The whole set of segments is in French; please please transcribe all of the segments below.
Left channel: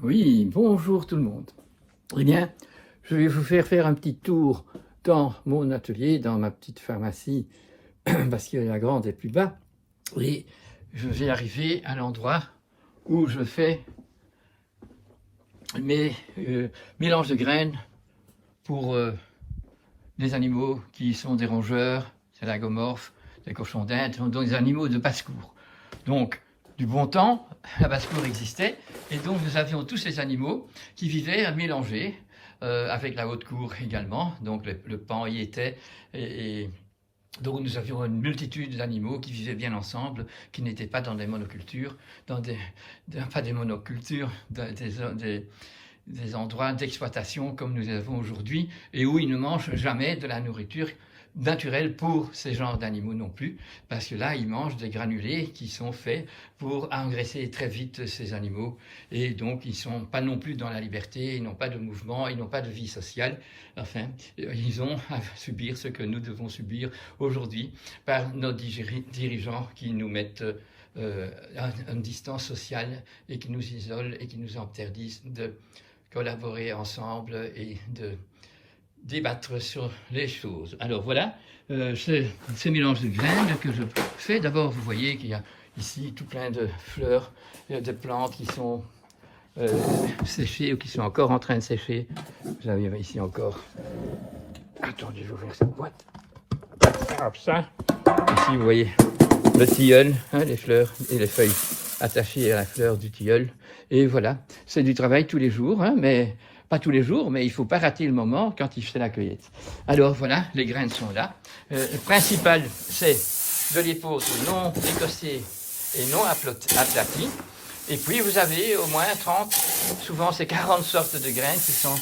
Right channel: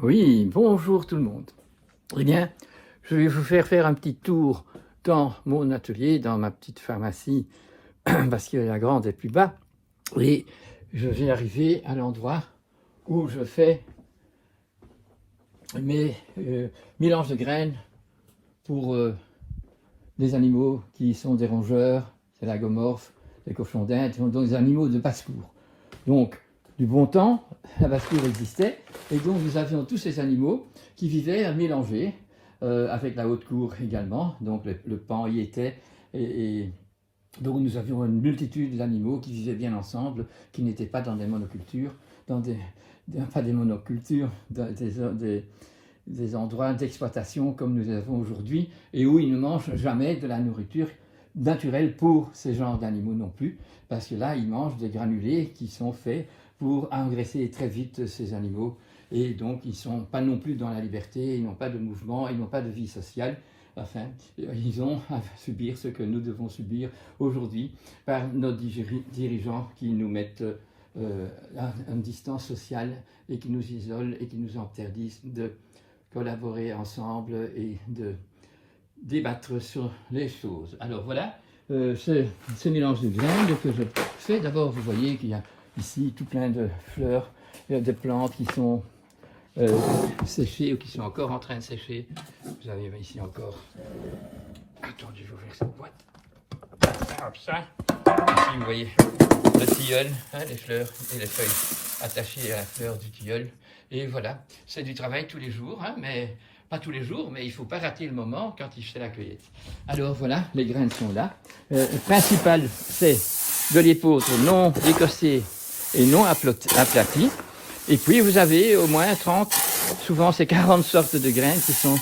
Oui, bonjour tout le monde. Eh bien, je vais vous faire un petit tour dans mon atelier, dans ma petite pharmacie, parce que la grande est plus bas. Et je vais arriver à l'endroit où je fais mes mélanges de graines pour des animaux qui sont des rongeurs, des lagomorphes, des cochons d'Inde, donc des animaux de basse-cour. Donc, du bon temps, la basse-cour existait, et donc nous avions tous ces animaux qui vivaient mélangés, avec la haute-cour également, donc le pan y était, et donc nous avions une multitude d'animaux qui vivaient bien ensemble, qui n'étaient pas dans des monocultures, pas des monocultures, des endroits d'exploitation comme nous avons aujourd'hui, et où ils ne mangent jamais de la nourriture naturelle pour ces genres d'animaux non plus, parce que là, ils mangent des granulés qui sont faits pour engraisser très vite ces animaux, et donc ils ne sont pas non plus dans la liberté, ils n'ont pas de mouvement, ils n'ont pas de vie sociale. Enfin, ils ont à subir ce que nous devons subir aujourd'hui par nos dirigeants qui nous mettent à une distance sociale et qui nous isolent et qui nous interdisent de collaborer ensemble et de débattre sur les choses. Alors voilà, ces mélanges de graines que je fais. D'abord, vous voyez qu'il y a ici tout plein de fleurs, de plantes qui sont séchées ou qui sont encore en train de sécher. Vous avez ici encore... Attendez, je vais ouvrir cette boîte. Hop, ça. Ici, vous voyez le tilleul, hein, les fleurs et les feuilles attachées à la fleur du tilleul. Et voilà, c'est du travail tous les jours, hein, mais pas tous les jours, mais il ne faut pas rater le moment quand il fait la cueillette. Alors voilà, les graines sont là. Le principal, c'est de l'épeautre non écossais et non aplati. Et puis vous avez au moins 30, souvent c'est 40 sortes de graines qui sont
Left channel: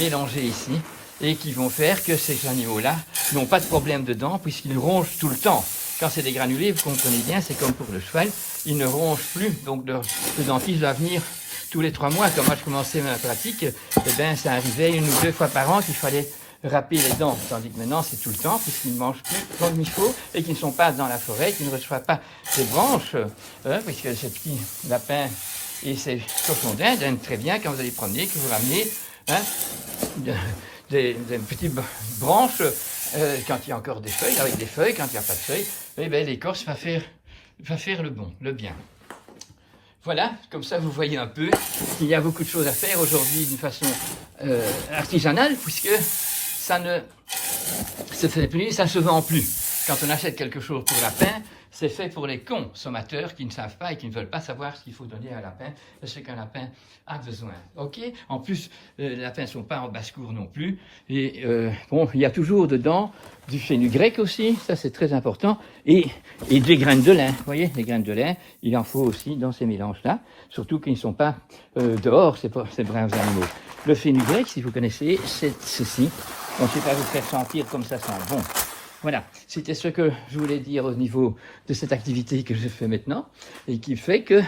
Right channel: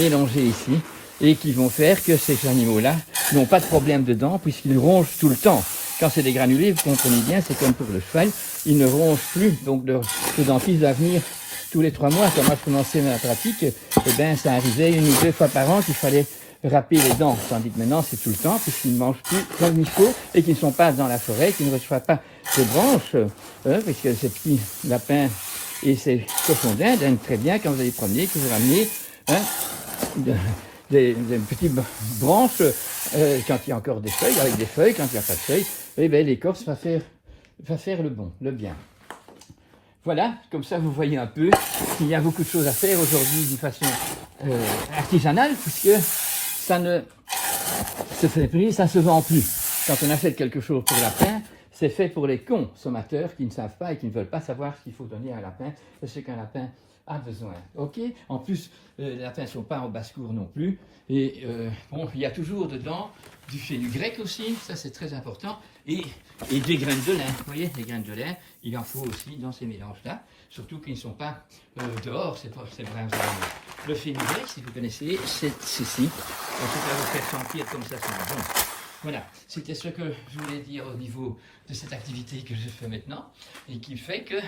mélangées ici et qui vont faire que ces animaux-là n'ont pas de problème dedans puisqu'ils rongent tout le temps. Quand c'est des granulés, vous comprenez bien, c'est comme pour le cheval, ils ne rongent plus, donc le dentiste va venir tous les 3 mois. Quand moi je commençais ma pratique, eh bien, ça arrivait 1 ou 2 fois par an qu'il fallait râper les dents, tandis que maintenant c'est tout le temps, puisqu'ils ne mangent plus comme il faut, et qu'ils ne sont pas dans la forêt, qu'ils ne reçoivent pas de branches, parce que ces petits lapins et ces cochons d'Inde aiment très bien quand vous allez promener, que vous ramenez des petites branches, quand il y a encore des feuilles, avec des feuilles, quand il n'y a pas de feuilles, eh bien l'écorce va faire le bien. Voilà, comme ça vous voyez un peu qu'il y a beaucoup de choses à faire aujourd'hui d'une façon artisanale, puisque ça ne se fait plus, ça ne se vend plus. Quand on achète quelque chose pour le lapin, c'est fait pour les consommateurs qui ne savent pas et qui ne veulent pas savoir ce qu'il faut donner à un lapin, de ce qu'un lapin a besoin. Ok. En plus, les lapins ne sont pas en basse-cour non plus. Et bon, il y a toujours dedans du fenugrec aussi, ça c'est très important, et des graines de lin. Vous voyez, les graines de lin, il en faut aussi dans ces mélanges-là, surtout qu'ils ne sont pas dehors, ces braves animaux. Le fenugrec, si vous connaissez, c'est ceci. On ne peut pas vous faire sentir comme ça sent bon. Voilà, c'était ce que je voulais dire au niveau de cette activité que je fais maintenant et qui fait que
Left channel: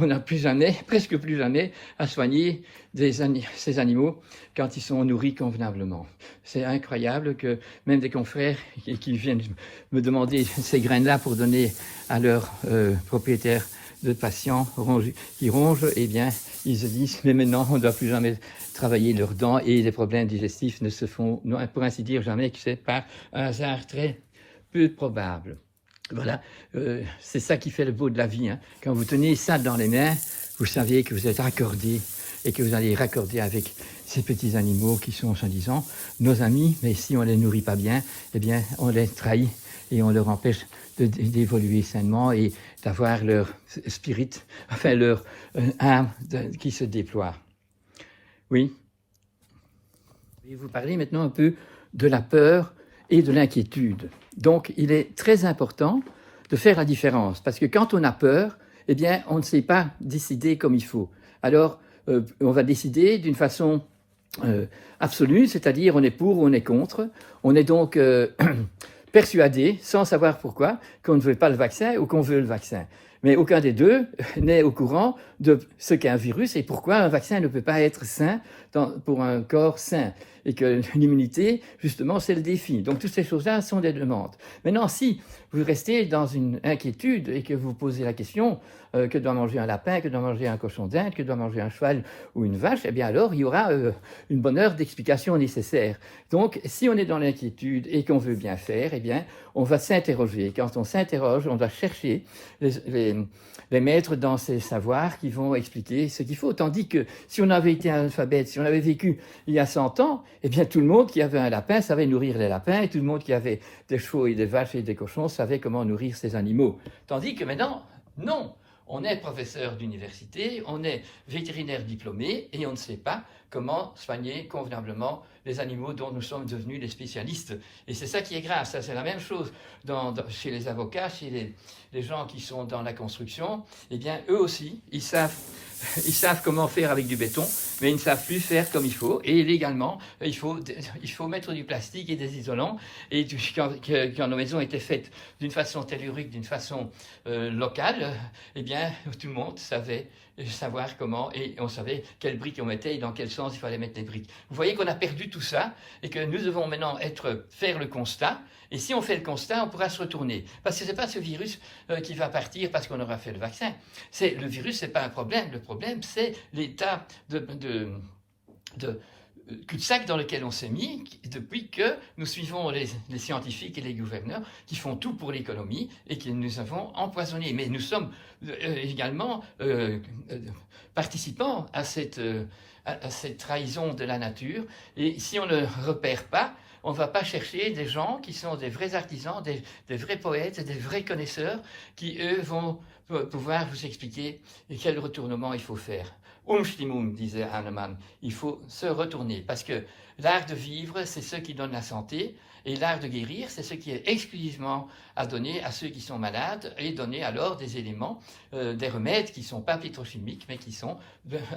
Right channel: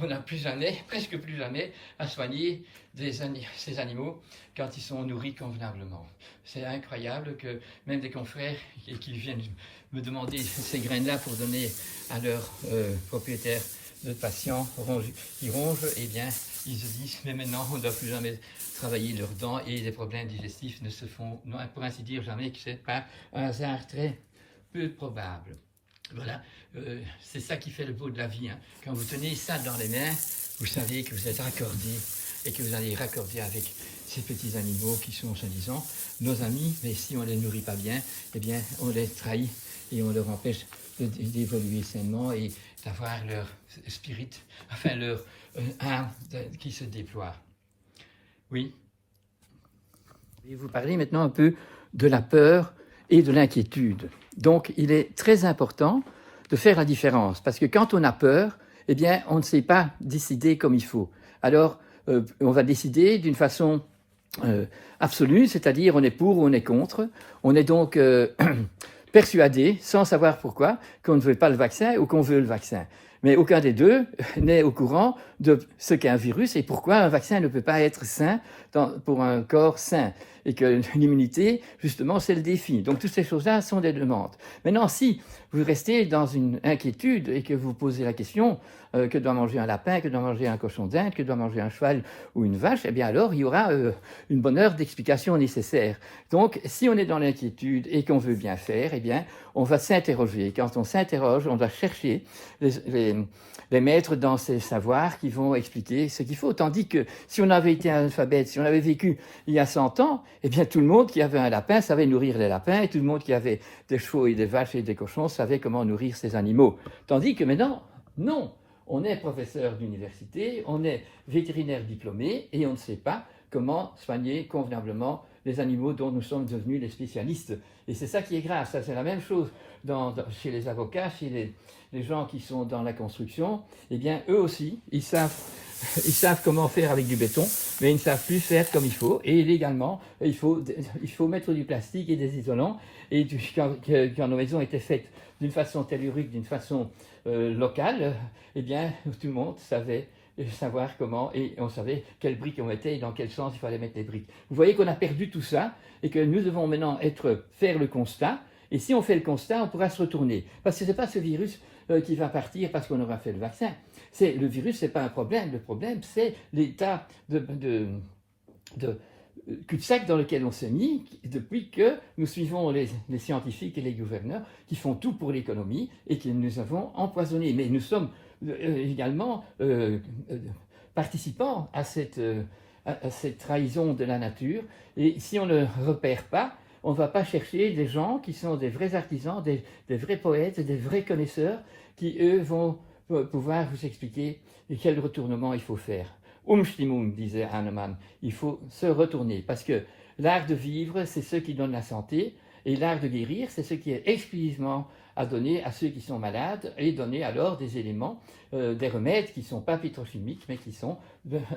on n'a plus jamais, presque plus jamais, à soigner ces animaux quand ils sont nourris convenablement. C'est incroyable que même des confrères qui viennent me demander ces graines-là pour donner à leurs propriétaires de patients qui rongent, eh bien, ils se disent, mais maintenant, on ne doit plus jamais travailler leurs dents et les problèmes digestifs ne se font, pour ainsi dire, jamais, que c'est par un hasard très peu probable. Voilà, c'est ça qui fait le beau de la vie, hein. Quand vous tenez ça dans les mains, vous savez que vous êtes raccordé et que vous allez raccorder avec ces petits animaux qui sont, soi-disant, nos amis, mais si on ne les nourrit pas bien, eh bien, on les trahit et on leur empêche d'évoluer sainement et d'avoir leur spirit, enfin leur âme qui se déploie. Oui. Je vais vous parler maintenant un peu de la peur et de l'inquiétude. Donc, il est très important de faire la différence, parce que quand on a peur, eh bien, on ne sait pas décider comme il faut. Alors, on va décider d'une façon absolue, c'est-à-dire on est pour ou on est contre. On est donc persuadé, sans savoir pourquoi, qu'on ne veut pas le vaccin ou qu'on veut le vaccin. Mais aucun des deux n'est au courant de ce qu'est un virus et pourquoi un vaccin ne peut pas être sain pour un corps sain. Et que l'immunité, justement, c'est le défi. Donc toutes ces choses-là sont des demandes. Maintenant, si vous restez dans une inquiétude et que vous posez la question que doit manger un lapin, que doit manger un cochon d'Inde, que doit manger un cheval ou une vache, eh bien alors il y aura une bonne heure d'explication nécessaire. Donc si on est dans l'inquiétude et qu'on veut bien faire, eh bien on va s'interroger. Quand on s'interroge, on va chercher les maîtres dans ces savoirs qui vont expliquer ce qu'il faut. Tandis que si on avait été analphabète, si on avait vécu il y a 100 ans, eh bien tout le monde qui avait un lapin savait nourrir les lapins, et tout le monde qui avait des chevaux et des vaches et des cochons savait comment nourrir ces animaux. Tandis que maintenant, non. On est professeur d'université, on est vétérinaire diplômé, et on ne sait pas comment soigner convenablement les animaux dont nous sommes devenus les spécialistes. Et c'est ça qui est grave. Ça, c'est la même chose chez les avocats, chez les gens qui sont dans la construction. Eh bien, eux aussi, ils savent comment faire avec du béton, mais ils ne savent plus faire comme il faut. Et légalement, il faut mettre du plastique et des isolants. Et quand la maison était faite d'une façon tellurique, d'une façon locale, eh bien, tout le monde savait savoir comment, et on savait quelles briques on mettait et dans quel sens il fallait mettre les briques. Vous voyez qu'on a perdu tout ça et que nous devons maintenant faire le constat. Et si on fait le constat, on pourra se retourner. Parce que ce n'est pas ce virus qui va partir parce qu'on aura fait le vaccin. Le virus, ce n'est pas un problème. Le problème, c'est l'état de cul-de-sac dans lequel on s'est mis depuis que nous suivons les scientifiques et les gouverneurs qui font tout pour l'économie et qui nous avons empoisonnés. Mais nous sommes également participants à cette trahison de la nature. Et si on ne repère pas, on ne va pas chercher des gens qui sont des vrais artisans, des vrais poètes, des vrais connaisseurs qui, eux, vont pouvoir vous expliquer quel retournement il faut faire. Umstimmung, disait Hahnemann, il faut se retourner, parce que l'art de vivre, c'est ce qui donne la santé, et l'art de guérir, c'est ce qui est exclusivement à donner à ceux qui sont malades, et donner alors des éléments, des remèdes qui ne sont pas pétrochimiques, mais qui sont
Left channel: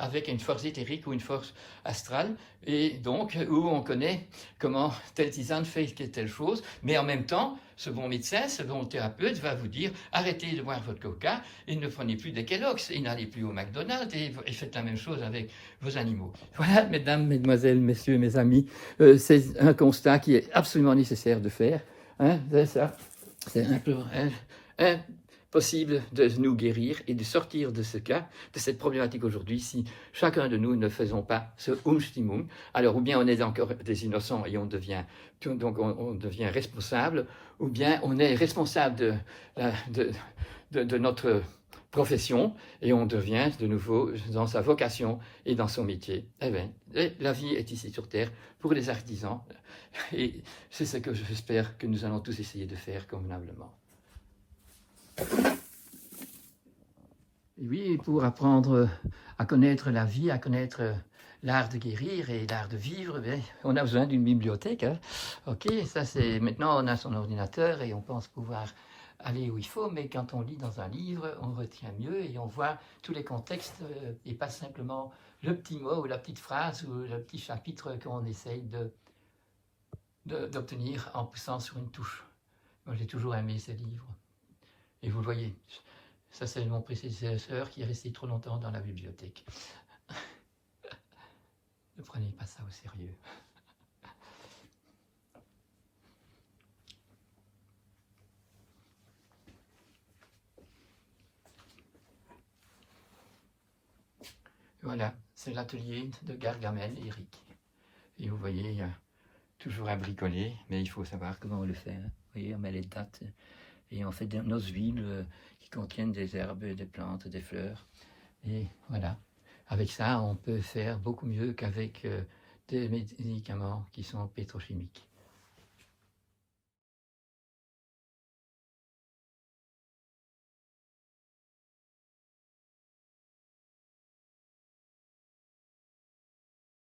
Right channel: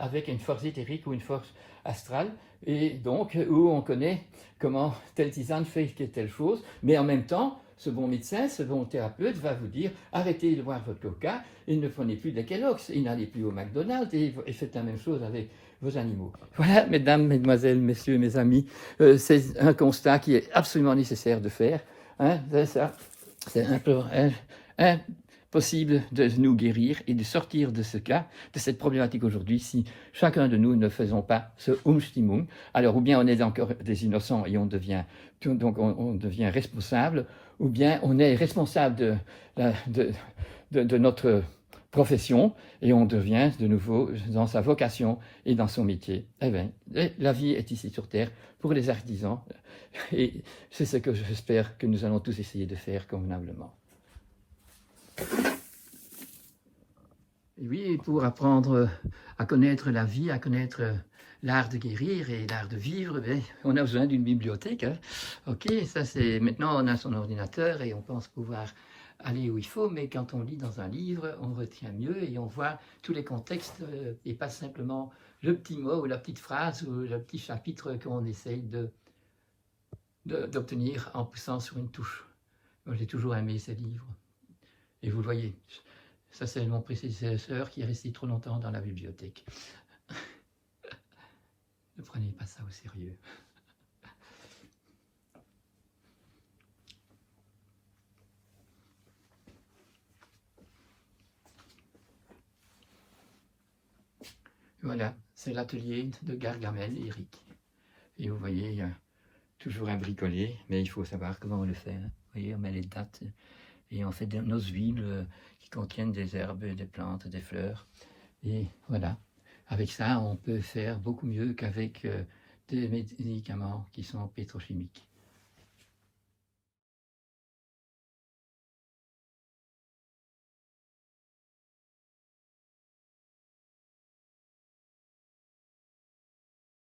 avec une force éthérique ou une force astrale, et donc où on connaît comment telle tisane fait telle chose, mais en même temps, ce bon médecin, ce bon thérapeute va vous dire arrêtez de boire votre coca et ne prenez plus de Kellogg's et n'allez plus au McDonald's et faites la même chose avec vos animaux. Voilà, mesdames, mesdemoiselles, messieurs, mes amis, c'est un constat qui est absolument nécessaire de faire. Hein, c'est impossible de nous guérir et de sortir de ce cas, de cette problématique aujourd'hui, si chacun de nous ne faisons pas ce Umstimmung. Alors, ou bien on est encore des innocents et on devient responsable, ou bien on est responsable de notre profession et on devient de nouveau dans sa vocation et dans son métier. Eh bien, la vie est ici sur Terre pour les artisans et c'est ce que j'espère que nous allons tous essayer de faire convenablement. Et oui, pour apprendre à connaître la vie, à connaître l'art de guérir et l'art de vivre, bien, on a besoin d'une bibliothèque. Hein. Ok, ça c'est maintenant on a son ordinateur et on pense pouvoir aller où il faut, mais quand on lit dans un livre, on retient mieux et on voit tous les contextes et pas simplement le petit mot ou la petite phrase ou le petit chapitre qu'on essaye d'obtenir en poussant sur une touche. Moi j'ai toujours aimé ces livres. Et vous voyez, ça c'est mon prédécesseur qui est resté trop longtemps dans la bibliothèque. Ne prenez pas ça au sérieux. Voilà, c'est l'atelier de Gargamel, Eric. Et vous voyez, il y a toujours à bricoler, mais il faut savoir comment on le fait. Hein. Vous voyez, on met les dates et on fait nos huiles qui contiennent des herbes, des plantes, des fleurs. Et voilà, avec ça, on peut faire beaucoup mieux qu'avec des médicaments qui sont pétrochimiques.